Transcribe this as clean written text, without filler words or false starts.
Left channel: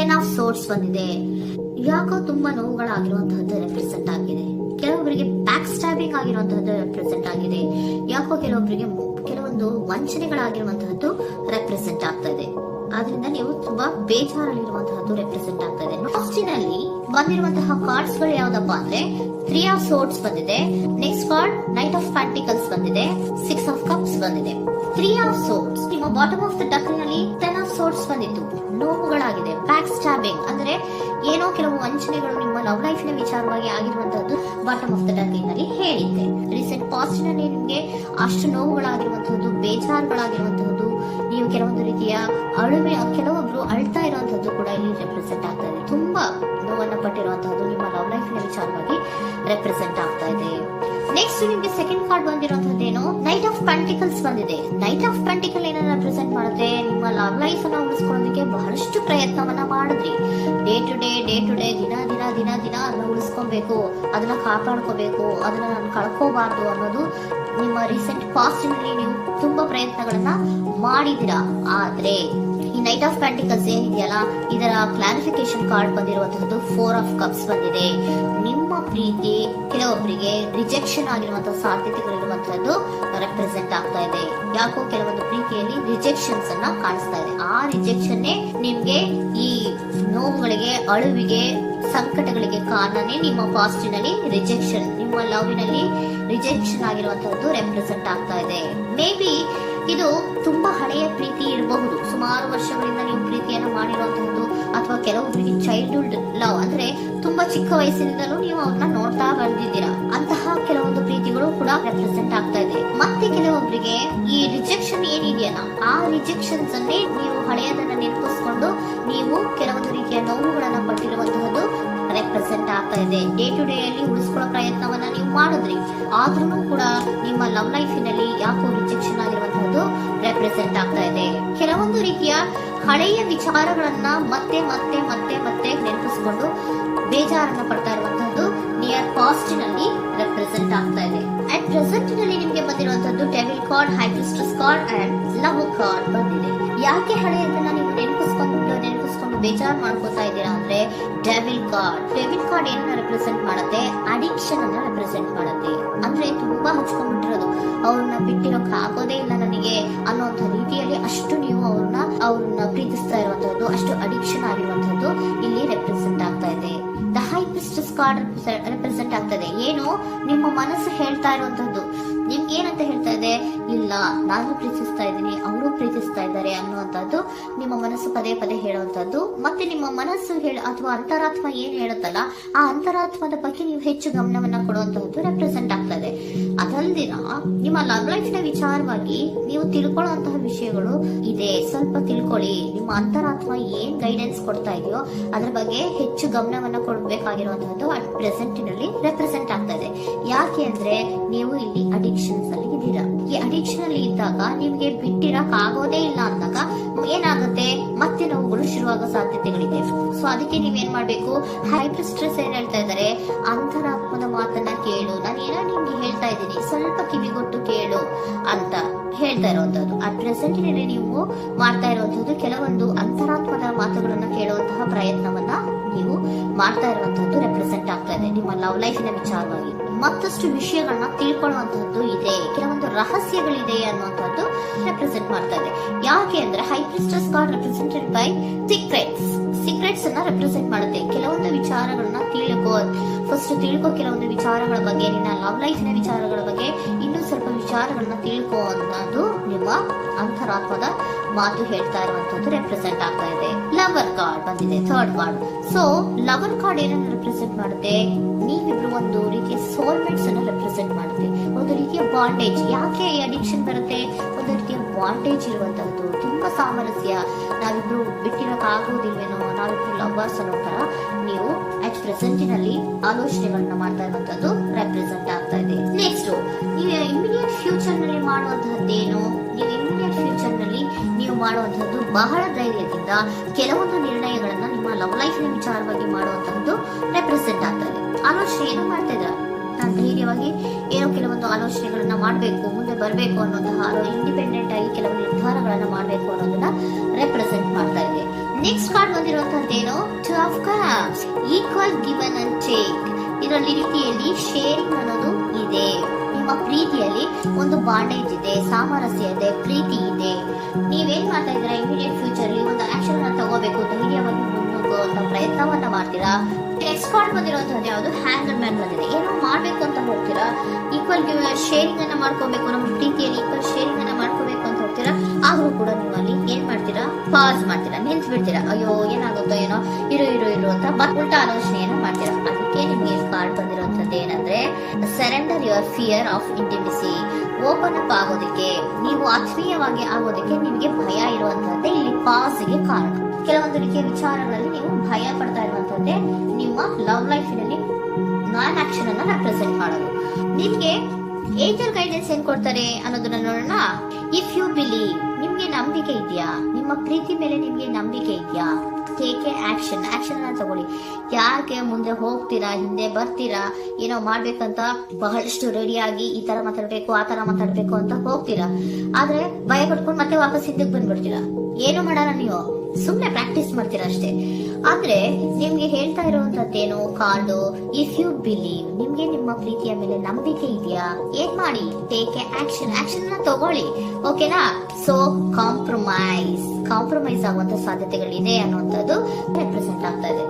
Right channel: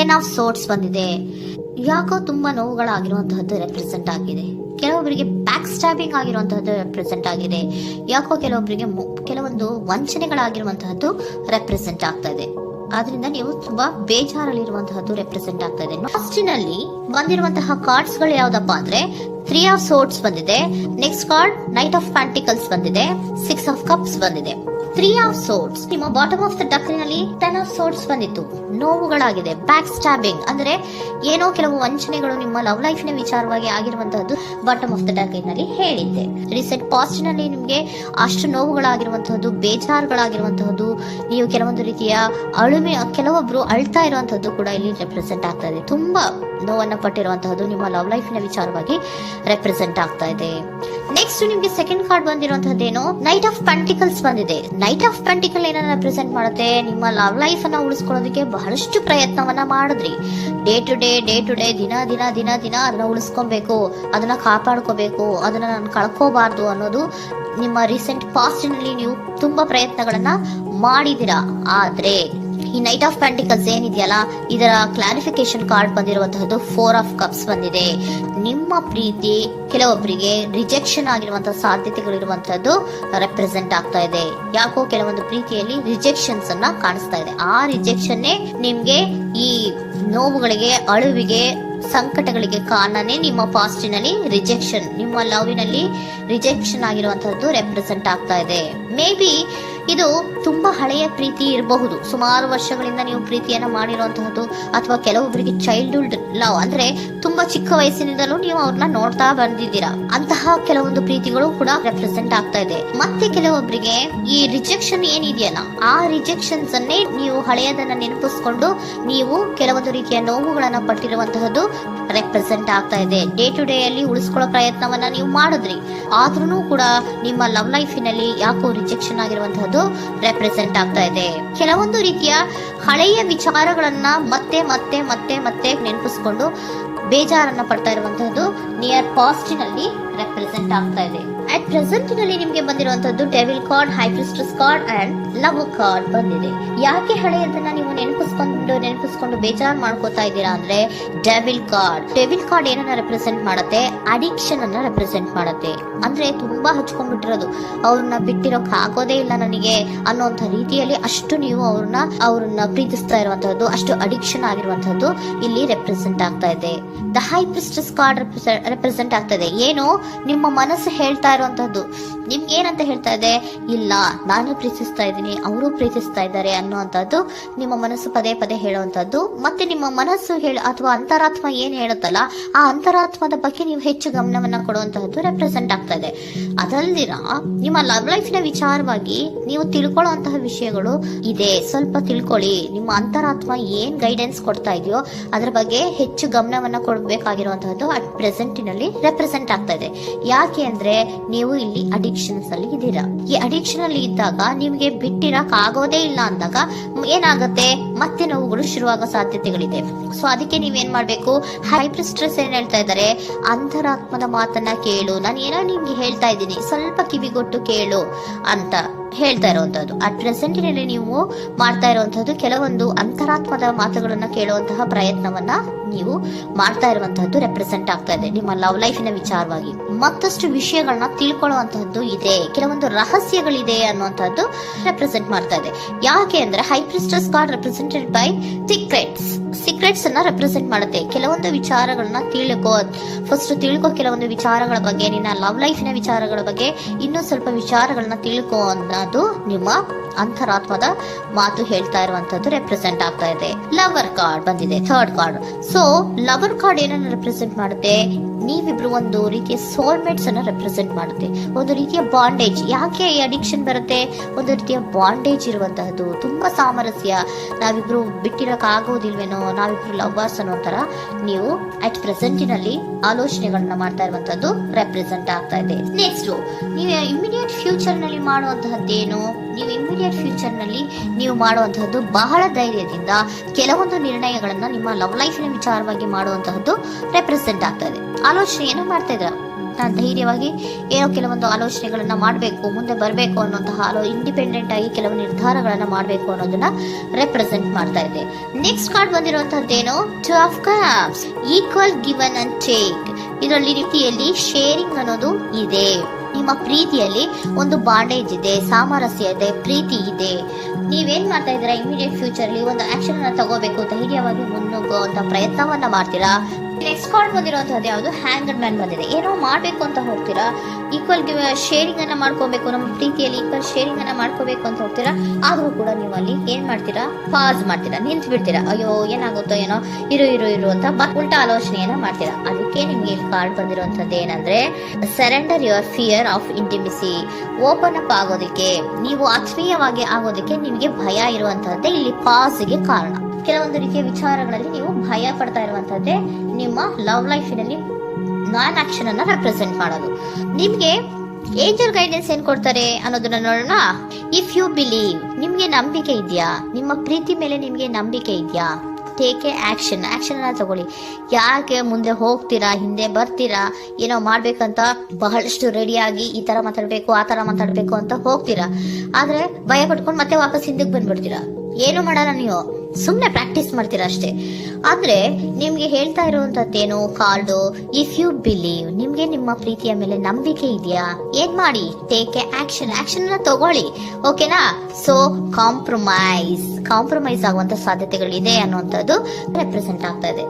10 of swords ಬಂದಿದೆ. ಯಾಕೋ ತುಂಬಾ ನೋವುಗಳಾಗಿರುವಂತಹದ್ದು ರೆಪ್ರೆಸೆಂಟ್ ಆಗಿದೆ. ಕೆಲವೊಬ್ಬರಿಗೆ ಬ್ಯಾಕ್ ಸ್ಟ್ಯಾಬಿಂಗ್ ಆಗಿರುವಂತಹದ್ದು ರೆಪ್ರೆಸೆಂಟ್ ಆಗಿದೆ. ಯಾಕೋ ಕೆಲವೊಬ್ಬರಿಗೆ ಕೆಲವೊಂದು ವಂಚನೆಗಳಾಗಿರುವಂತಹದ್ದು ರೆಪ್ರೆಸೆಂಟ್ ಆಗ್ತಾ ಇದೆ. ಆದ್ರಿಂದ ನೀವು ತುಂಬಾ ಬೇಜಾರಲ್ಲಿರುವಂತಹದ್ದು ರೆಪ್ರೆಸೆಂಟ್ ಆಗ್ತಾ ಇದೆ. ಫಸ್ಟಿನಲ್ಲಿ ಬಂದಿರುವಂತಹ ಕಾರ್ಡ್ಸ್ ಗಳು ಯಾವ್ದಪ್ಪ ಅಂದ್ರೆ 3 ಆಫ್ ಸೋರ್ಟ್ಸ್ ಬಂದಿದೆ. Next card knight of pentacles ಬಂದಿದೆ. 6 ಆಫ್ ಕಪ್ಸ್ ಬಂದಿದೆ. 3 ಆಫ್ ಸೋರ್ಟ್ಸ್ ನಿಮ್ಮ ಬಾಟಮ್ ಆಫ್ ದ ಡಕ್ನಲ್ಲಿ 10 ಆಫ್ ಸೋರ್ಟ್ಸ್ ಬಂದಿತ್ತು. ನೋವುಗಳಾಗಿದೆ, ಬ್ಯಾಕ್ ಸ್ಟ್ಯಾಬಿಂಗ್ ಅಂದ್ರೆ ಏನೋ ಕೆಲವು ವಂಚನೆಗಳು ನಿಮ್ಮ ಲವ್ ಲೈಫ್ ನ ವಿಚಾರವಾಗಿ ಆಗಿರುವಂತಹದ್ದು ಬಾಟಮ್ ಆಫ್ ದ ಡಕ್ನಲ್ಲಿ ಹೇಳಿದ್ದೆ. ರೀಸೆಂಟ್ ಪಾಸ್ಟ್ ನಲ್ಲಿ ನಿಮ್ಗೆ ಅಷ್ಟು ನೋವುಗಳಾಗಿರುವಂತಹದ್ದು, ಬೇಜಾರುಗಳಾಗಿರುವಂತಹದ್ದು, ನೀವು ಕೆಲವೊಂದು ರೀತಿಯ ಕೆಲವೊಬ್ರು ಅಳ್ತಾ ಇರುವಂತಹದ್ದು ಕೂಡ ಇಲ್ಲಿ ರೆಪ್ರೆಸೆಂಟ್ ಆಗ್ತಾ ಇದೆ. ತುಂಬಾ ನೋವನ್ನ ಪಟ್ಟಿರುವಂತಹದ್ದು ನಿಮ್ಮ ಲವ್ ಲೈಫ್ ನ ವಿಚಾರವಾಗಿ ರೆಪ್ರೆಸೆಂಟ್ ಆಗ್ತಾ ಇದೆ. ನೆಕ್ಸ್ಟ್ ನಿಮ್ಗೆ ಸೆಕೆಂಡ್ ಕಾರ್ಡ್ ಬಂದಿರುವಂತಹದ್ದೇನು ನೈಟ್ ಆಫ್ ಪೆಂಟಿಕಲ್ಸ್ ಬಂದಿದೆ. ನೈಟ್ ಆಫ್ ಪೆಂಟಿಕಲ್ ಏನನ್ನ ರೆಪ್ರೆಸೆಂಟ್ ಮಾಡುತ್ತೆ? ನಿಮ್ಮ ಲವ್ ಲೈಫ್ ಅನ್ನ ಉಳಿಸ್ಕೊಳ್ಳೋದಕ್ಕೆ ಬಹಳಷ್ಟು ಪ್ರಯತ್ನವನ್ನ ಮಾಡಿದ್ರಿ. ಡೇ ಟು ಡೇ ದಿನ ಅದನ್ನ ಉಳಿಸ್ಕೊಬೇಕು, ಅದನ್ನ ಕಾಪಾಡ್ಕೋಬೇಕು, ಅದನ್ನ ನಾನು ಕಳ್ಕೋಬಾರ್ದು ಅನ್ನೋದು ನಿಮ್ಮ ರೀಸೆಂಟ್ ಪಾಸ್ಟ್ ನಲ್ಲಿ ನೀವು ತುಂಬಾ ಪ್ರಯತ್ನಗಳನ್ನ ಮಾಡಿದಿರಾ. ಆದ್ರೆ ಈ ನೈಟ್ ಆಫ್ ಪ್ಯಾಂಟಿಕಲ್ಸ್ ಏನಿದೆಯಲ್ಲ, ಇದರ ಕ್ಲಾರಿಫಿಕೇಶನ್ ಕಾರ್ಡ್ ಬಂದಿರುವಂತಹದ್ದು 4 ಆಫ್ ಕಪ್ಸ್ ಬಂದಿದೆ. ನಿಮ್ಮ ಪ್ರೀತಿ ಕೆಲವೊಬ್ಬರಿಗೆ ರಿಜೆಕ್ಷನ್ ಆಗಿರುವಂತಹ ಸಾಧ್ಯತೆಗಳಿರುವಂತಹದ್ದು ರೆಪ್ರೆಸೆಂಟ್ ಆಗ್ತಾ ಇದೆ. ಯಾಕೋ ಕೆಲವೊಂದು ಪ್ರೀತಿಯಲ್ಲಿ ರಿಜೆಕ್ಷನ್ಸ್ ಅನ್ನ ಕಾಣಿಸ್ತಾ ಇದೆ. ಆ ರಿಜೆಕ್ಷನ್ ನಿಮ್ಗೆ ಈ ನೋವುಗಳಿಗೆ, ಅಳುವಿಗೆ, ಸಂಕಟಗಳಿಗೆ ಕಾರಣನೇ ನಿಮ್ಮ ಪಾಸ್ಟಿನಲ್ಲಿ ರಿಜೆಕ್ಷನ್, ನಿಮ್ಮ ಲವ್ನಲ್ಲಿ ರಿಜೆಕ್ಷನ್ ಆಗಿರುವಂತಹದ್ದು ರೆಪ್ರೆಸೆಂಟ್ ಆಗ್ತಾ ಇದೆ. ಮೇ ಬಿ ಇದು ತುಂಬಾ ಹಳೆಯ ಪ್ರೀತಿ ಇರಬಹುದು. ಸುಮಾರು ವರ್ಷಗಳಿಂದ ನೀವು ಪ್ರೀತಿಯನ್ನ ಮಾಡಿರುವಂತಹದ್ದು, ಅಥವಾ ಕೆಲವೊಬ್ಬರಿಗೆ ಚೈಲ್ಡ್ಹುಡ್ ಲವ್ ಅಂದ್ರೆ ತುಂಬಾ ಚಿಕ್ಕ ವಯಸ್ಸಿನಿಂದಲೂ ನೀವು ಅವ್ರನ್ನ ನೋಡ್ತಾ ಬಂದಿದ್ದೀರಾ. ಅಂತಹ ಕೆಲವೊಂದು ಪ್ರೀತಿಗಳು ಕೂಡ ರೆಪ್ರೆಸೆಂಟ್ ಆಗ್ತಾ ಇದೆ. ಮತ್ತೆ ಕೆಲವೊಬ್ಬರಿಗೆ ಈ ರಿಜೆಕ್ಷನ್ ಏನಿದೆಯಲ್ಲ, ಆ ರಿಜೆಕ್ಷನ್ಸ್ ಅನ್ನೇ ನೀವು ಹಳೆಯದನ್ನ ನೆನಪಿಸ್ಕೊಂಡು ನೀವು ಕೆಲವೊಂದು ರೀತಿಯ ನೋವುಗಳನ್ನ ಪಟ್ಟಿರುವಂತಹದ್ದು ರೆಪ್ರೆಸೆಂಟ್ ಆಗ್ತಾ ಇದೆ. ಡೇ ಟು ಡೇ ಅಲ್ಲಿ ಉಳಿಸ್ಕೊಳ್ಳೋ ಪ್ರಯತ್ನವನ್ನ ನೀವು ಮಾಡಿದ್ರಿ, ಆದ್ರೂ ಕೂಡ ನಿಮ್ಮ ಲವ್ ಲೈಫಿನಲ್ಲಿ ಯಾಕೋ ರಿಜೆಕ್ಷನ್ ಆಗಿರುವಂತಹದ್ದು ರೆಪ್ರೆಸೆಂಟ್ ಆಗ್ತಾ ಇದೆ. ಕೆಲವೊಂದು ರೀತಿಯ ಹಳೆಯ ವಿಚಾರಗಳನ್ನ ಮತ್ತೆ ಮತ್ತೆ ಮತ್ತೆ ಮತ್ತೆ ನೆನಪಿಸ್ಕೊಂಡು ಬೇಜಾರನ್ನ ಪಡ್ತಾ ಇರುವಂತಹದ್ದು ನಿಯರ್ ಪಾಸ್ಟ್ ನಲ್ಲಿ ರೆಪ್ರೆಸೆಂಟ್ ಆಗ್ತಾ ಇದೆ. ಅಟ್ ಪ್ರೆಸೆಂಟ್ ನಲ್ಲಿ ನಿಮ್ಗೆ ಬಂದಿರುವಂತಹದ್ದು devil card, high priestess card and love card ಬಂದಿದೆ. ಯಾಕೆ ಹಳೆಯದನ್ನ ನೀವು ನೆನಪಿಸ್ಕೊಂಡು ಬೇಜಾರ್ ಮಾಡ್ಕೋತಾ ಇದ್ದೀರಾ ಅಂದ್ರೆ ಡೆವಿಲ್ ಕಾರ್ಡ್ ಏನನ್ನ ರೆಪ್ರೆಸೆಂಟ್ ಮಾಡುತ್ತೆ? ಅಡಿಕ್ಷನ್ ಅನ್ನ ರೆಪ್ರೆಸೆಂಟ್ ಮಾಡುತ್ತೆ. ಅಂದ್ರೆ ತುಂಬಾ ಹಚ್ಕೊಂಡ್ಬಿಟ್ಟಿರೋದು, ಅವ್ರನ್ನ ಬಿಟ್ಟಿರೋಕ್ ಆಗೋದೇ ಇಲ್ಲ ನನಗೆ ಅನ್ನುವಂತ ರೀತಿಯಲ್ಲಿ ಅಷ್ಟು ನೀವು ಅವ್ರನ್ನ ಪ್ರೀತಿಸ್ತಾ ಇರುವಂತಹದ್ದು, ಅಷ್ಟು ಅಡಿಕ್ಷನ್ ಆಗಿರುವಂತಹದ್ದು ಇಲ್ಲಿ ರೆಪ್ರೆಸೆಂಟ್ ಆಗ್ತಾ ಇದೆ. The high priestess card represent ಆಗ್ತದೆ. ಏನು ನಿಮ್ಮ ಮನಸ್ಸು ಹೇಳ್ತಾ ಇರುವಂತಹದ್ದು, ನಿಮ್ಗೆ ಏನಂತ ಹೇಳ್ತಾ ಇದೆ? ಇಲ್ಲ, ನಾನು ಪ್ರೀತಿಸ್ತಾ ಇದ್ದೀನಿ, ಅವರು ಪ್ರೀತಿಸ್ತಾ ಇದ್ದಾರೆ ಅನ್ನುವಂಥದ್ದು ನಿಮ್ಮ ಮನಸ್ಸು ಪದೇ ಪದೇ ಹೇಳುವಂತದ್ದು. ಮತ್ತೆ ನಿಮ್ಮ ಮನಸ್ಸು ಅಥವಾ ಅಂತರಾತ್ಮ ಏನ್ ಹೇಳುತ್ತಲ್ಲ, ಆ ಅಂತರಾತ್ಮದ ಬಗ್ಗೆ ನೀವು ಹೆಚ್ಚು ಗಮನವನ್ನ ಕೊಡುವಂತಹದ್ದು ರೆಪ್ರೆಸೆಂಟ್ ಆಗ್ತಾ ಇದೆ. ಅದಲ್ದಿರ ನಿಮ್ಮ ಲವ್ ಲೈಫ್ ನ ವಿಚಾರವಾಗಿ ನೀವು ತಿಳ್ಕೊಳ್ಳುವಂತಹ ವಿಷಯಗಳು ಇದೆ. ಸ್ವಲ್ಪ ತಿಳ್ಕೊಳ್ಳಿ. ನಿಮ್ಮ ಅಂತರಾತ್ಮ ಏನ್ ಗೈಡೆನ್ಸ್ ಕೊಡ್ತಾ ಇದೆಯೋ ಅದ್ರ ಬಗ್ಗೆ ಹೆಚ್ಚು ಗಮನವನ್ನ ಕೊಡಬೇಕಾಗಿರುವಂತಹದ್ದು ಅಟ್ ಪ್ರೆಸೆಂಟಿನಲ್ಲಿ ರೆಪ್ರೆಸೆಂಟ್ ಆಗ್ತಾ ಇದೆ. ಯಾಕೆ ಅಂದ್ರೆ ನೀವು ಇಲ್ಲಿ ಅಡಿಕ್ಷನ್ಸ್ ಅಲ್ಲಿ ಇದ್ದೀರಾ. ಈ ಅಡಿಕ್ಷನ್ ಅಲ್ಲಿ ಇದ್ದಾಗ ನಿಮ್ಗೆ ಬಿಟ್ಟಿರಕ್ ಆಗೋದೇ ಇಲ್ಲ ಅಂದಾಗ ಏನಾಗುತ್ತೆ? ಮತ್ತೆ ನೋವುಗಳು ಶುರುವಾಗೋ ಸಾಧ್ಯತೆಗಳಿದೆ. ಸೊ ಅದಕ್ಕೆ ನೀವೇನ್ ಮಾಡ್ಬೇಕು? ಹೈ ಪ್ರಿಸ್ಟೆಸ್ ಏನ್ ಹೇಳ್ತಾ ಇದ್ದಾರೆ? ಅಂತರಾತ್ಮದ ಮಾತನ್ನ ಕೇಳು, ನಾನು ಏನೋ ನಿಮ್ಗೆ ಹೇಳ್ತಾ ಇದ್ದೀನಿ, ಸ್ವಲ್ಪ ಕಿವಿಗೊಟ್ಟು ಕೇಳು ಅಂತ ಹೇಳ್ತಾ ಇರುವಂತದ್ದು. ಅಟ್ ಪ್ರೆಸೆಂಟಿನಲ್ಲಿ ನೀವು ಮಾಡ್ತಾ ಇರುವಂತದ್ದು ಕೆಲವೊಂದು ಅಂತರಾತ್ಮದ ಮಾತುಗಳನ್ನ ಕೇಳುವಂತಹ ಪ್ರಯತ್ನವನ್ನ ನೀವು ಮಾಡ್ತಾ ಇರುವಂತಹದ್ದು ರೆಪ್ರೆಸೆಂಟ್ ಆಗ್ತಾ ಇದೆ. ನಿಮ್ಮ ಲವ್ ಲೈಫಿನ ವಿಚಾರವಾಗಿ ಮತ್ತಷ್ಟು ವಿಷಯಗಳನ್ನ ತಿಳ್ಕೊಳ್ಳುವಂತಹದ್ದು ಇದೆ, ಕೆಲವೊಂದು ರಹಸ್ಯಗಳಿದೆ ಅನ್ನುವಂಥದ್ದು ರೆಪ್ರೆಸೆಂಟ್ ಮಾಡ್ತಾ ಇದೆ. ಯಾಕೆ ಅಂದ್ರೆ high priestess card represented by secrets ಅನ್ನ ರೆಪ್ರೆಸೆಂಟ್ ಮಾಡುತ್ತೆ. ಕೆಲವೊಂದು ವಿಚಾರಗಳನ್ನ ಫಸ್ಟ್ ತಿಳ್ಕೊ, ಕೆಲವೊಂದು ವಿಚಾರಗಳ ಬಗ್ಗೆ, ನಿನ್ನ ಲವ್ ಲೈಫಿನ ವಿಚಾರಗಳ ಬಗ್ಗೆ ಇನ್ನೂ ಸ್ವಲ್ಪ ವಿಚಾರಗಳನ್ನ ತಿಳ್ಕೊ ಅನ್ನೋದು ನಿಮ್ಮ ಅಂತರಾತ್ಮದ ಮಾತು ಹೇಳ್ತಾ ಇರುವಂತದ್ದು ರೆಪ್ರೆಸೆಂಟ್ ಆಗ್ತಾ ಇದೆ. ಲವರ್ ಕಾರ್ಡ್ ಬಂದಿದೆ, third card. So lover card ಏನನ್ನ ರೆಪ್ರೆಸೆಂಟ್ ಮಾಡುತ್ತೆ? ನೀವಿಬ್ರು ಒಂದು ರೀತಿಯ ಸೋಲ್ಮೇಟ್ಸ್ ಅನ್ನ ರೆಪ್ರೆಸೆಂಟ್ ಮಾಡುತ್ತೆ. ಒಂದು ರೀತಿಯ ಬಾಂಡೇಜ್. ಯಾಕೆ ಈ ಅಡಿಕ್ಷನ್ ಬರುತ್ತೆ? ಒಂದು ರೀತಿಯ ಬಾಂಡೇಜ್ ಇರುವಂತಹದ್ದು, ತುಂಬಾ ಸಾಮರಸ್ಯ, ನಾವಿಬ್ರು ಬಿಟ್ಟಿರಕ್ ಆಗೋದಿಲ್ವೇನೋ, ನಾವಿಬ್ರು ಲವ್ವರ್ಸ್ ಅನ್ನೋ ತರ ನೀವು ಅಟ್ ಪ್ರೆಸೆಂಟಿನಲ್ಲಿ ಆಲೋಚನೆಗಳನ್ನ ಮಾಡ್ತಾ ಇರುವಂತದ್ದು ರೆಪ್ರೆಸೆಂಟ್ ಆಗ್ತಾ ಇದೆ. ನೆಕ್ಸ್ಟ್ ನೀವು ಇಮಿಡಿಯೇಟ್ ಫ್ಯೂಚರ್ ನಲ್ಲಿ ಮಾಡುವಂತಹದ್ದೇನು? ನೀವು ಇಮಿಡಿಯೇಟ್ ಫ್ಯೂಚರ್ ನಲ್ಲಿ ನೀವು ಮಾಡುವಂತಹದ್ದು ಬಹಳ ಧೈರ್ಯದಿಂದ ಕೆಲವೊಂದು ನಿರ್ಣಯಗಳನ್ನ ನಿಮ್ಮ ಲವ್ ಲೈಫಿನ ವಿಚಾರವಾಗಿ ಮಾಡುವಂತಹದ್ದು ರೆಪ್ರೆಸೆಂಟ್ ಆಗ್ತಾ ಇದೆ. ಆಲೋಚನೆಯನ್ನು ಮಾಡ್ತಾ ಇದ್ರ, ನಾನು ಧೈರ್ಯವಾಗಿ ಏನೋ ಕೆಲವೊಂದು ಆಲೋಚನೆಗಳನ್ನ ಮಾಡಬೇಕು, ಮುಂದೆ ಬರಬೇಕು ಅನ್ನುವಂತಹ ಇಂಡಿಪೆಂಡೆಂಟ್ ಆಗಿ ಕೆಲವು ನಿರ್ಧಾರಗಳನ್ನ ಮಾಡಬೇಕು ಅನ್ನೋದನ್ನ ರೆಪ್ರೆಸೆಂಟ್ ಮಾಡ್ತಾ ಇದೆ. ನೆಕ್ಸ್ಟ್ ಕಾರ್ಡ್ ಬಂದಿರುವಂತದ್ದೇನು, two of cups, equal given and take. ಇದರಲ್ಲಿ ರೀತಿಯಲ್ಲಿ ಶೇರಿಂಗ್ ಅನ್ನೋದು ಇದೆ. ನಿಮ್ಮ ಪ್ರೀತಿಯಲ್ಲಿ ಒಂದು ಬಾಂಡೇಜ್ ಇದೆ, ಸಾಮರಸ್ಯ ಇದೆ, ಪ್ರೀತಿ ಇದೆ. ನೀವೇನ್ ಮಾಡ್ತಾ ಇದ್ದೀರಾ, ಇಮಿಡಿಯೇಟ್ ಫ್ಯೂಚರ್ ಅಲ್ಲಿ ಒಂದು ಆಕ್ಷನ್ ಅನ್ನ ತಗೋಬೇಕು, ಧೈರ್ಯವಾಗಿ ಮುನ್ನುಗ್ಗುವಂತ ಪ್ರಯತ್ನವನ್ನ ಮಾಡ್ತೀರಾ. ನೆಕ್ಸ್ಟ್ ಕಾರ್ಡ್ ಬಂದಿರುವಂತದ್ದು ಯಾವುದು, ಹ್ಯಾಂಗರ್ ಮ್ಯಾನ್ ಬಂದಿದೆ. ಏನೋ ಮಾಡ್ಬೇಕು ಅಂತ ಹೋಗ್ತೀರಾ, ಈಕ್ವಲ್ ಶೇರಿಂಗ್ ಅನ್ನ ಮಾಡ್ಕೋಬೇಕು, ನಮ್ಮ ಪ್ರೀತಿಯಲ್ಲಿ ಈಕ್ವಲ್ ಶೇರಿಂಗ್ ಅನ್ನ ಮಾಡ್ಕೋಬೇಕು ಅಂತ ಹೋಗ್ತೀರಾ. ಆದ್ರೂ ಕೂಡ ನೀವು ಅಲ್ಲಿ ಏನ್ ಮಾಡ್ತೀರಾ, ಪಾಸ್ ಮಾಡ್ತೀರಾ, ನಿಂತು ಬಿಡ್ತೀರಾ. ಅಯ್ಯೋ ಏನಾಗುತ್ತೋ ಏನೋ, ಇರು ಇರು ಇರು ಅಂತ ಉಲ್ಟಾ ಆಲೋಚನೆಯನ್ನ ಮಾಡ್ತೀರಾ. ಅದಕ್ಕೆ ನಿಮ್ಗೆ ಇಲ್ಲಿ ಕಾರ್ಡ್ ಬಂದಿರುವಂತದ್ದು ಏನಂದ್ರೆ, surrender your fear of intimacy. Open up ಆಗೋದಕ್ಕೆ, ನೀವು ಆತ್ಮೀಯವಾಗಿ ಆಗೋದಕ್ಕೆ ನಿಮಗೆ ಭಯ ಇರುವಂತಹದ್ದೇ ಇಲ್ಲಿ ಪಾಸ್ಗೆ ಕಾರಣ. ಕೆಲವೊಂದು ರೀತಿಯ ವಿಚಾರಗಳಲ್ಲಿ ನೀವು ಭಯ ಪಡ್ತಾ ಇರುವಂತದ್ದೇ ನಿಮ್ಮ ಲವ್ ಲೈಫ್ ನಲ್ಲಿ ನಾನ್ ಆಕ್ಷನ್ ಅನ್ನ ರೆಪ್ರೆಸೆಂಟ್ ಮಾಡೋದು. ನಿಮ್ಗೆ ಏಂಜಲ್ ಗೈಡೆನ್ಸ್ ಏನ್ ಕೊಡ್ತಾರೆ ಅನ್ನೋದನ್ನ ನೋಡೋಣ. ಇಫ್ ಯು ಬಿಲೀವ್, ನಿಮ್ಗೆ ನಂಬಿಕೆ ಇದೆಯಾ, ನಿಮ್ಮ ಪ್ರೀತಿ ಮೇಲೆ ನಿಮ್ಗೆ ನಂಬಿಕೆ ಇದೆಯಾ, ಟೇಕ್ ಎ ಆಕ್ಷನ್ ಅನ್ನ ತಗೊಳ್ಳಿ. ಯಾಕೆ ಮುಂದೆ ಹೋಗ್ತೀರಾ, ಹಿಂದೆ ಬರ್ತೀರಾ, ಏನೋ ಮಾಡ್ಬೇಕಂತ ಬಹಳಷ್ಟು ರೆಡಿಯಾಗಿ ಈ ತರ ಮಾತಾಡ್ಬೇಕು ಆ ತರ ಮಾತಾಡ್ಬೇಕು ಅಂತ ಹೋಗ್ತೀರಾ. ಆದ್ರೆ ಭಯ ಪಡ್ಕೊಂಡು ಮತ್ತೆ ವಾಪಸ್ ಹಿಂದಕ್ಕೆ ಬಂದ್ಬಿಡ್ತೀರಾ. ಏನು ಮಾಡಲ್ಲ, ನೀವು ಸುಮ್ನೆ ಪ್ರಾಕ್ಟೀಸ್ ಮಾಡ್ತೀರಾ ಅಷ್ಟೇ. ಆದ್ರೆ ನಿಮ್ಗೆ ಹೇಳ್ತಾ ಇರುವಂತದ್ದೇನು ಕಾರ್ಡು, ಇಫ್ ಯು ಬಿಲೀವ್, ನಿಮ್ಗೆ ನಿಮ್ಮ ಪ್ರೀತಿಯ ಮೇಲೆ ನಂಬಿಕೆ ಇದೆಯಾ, ಏನ್ ಮಾಡಿ, ಟೇಕ್ ಎ ಆಕ್ಷನ್ ಅನ್ನ ತಗೊಳ್ಳಿ. ಓಕೆನಾ. ಸೊ ಕಾಂಪ್ರಮೈಸ್ ಆಗುವಂತ ಸಾಧ್ಯತೆಗಳಿದೆ ಅನ್ನುವಂಥದ್ದು ರೆಪ್ರೆಸೆಂಟ್ ಆಗ್ತಾ ಇದೆ.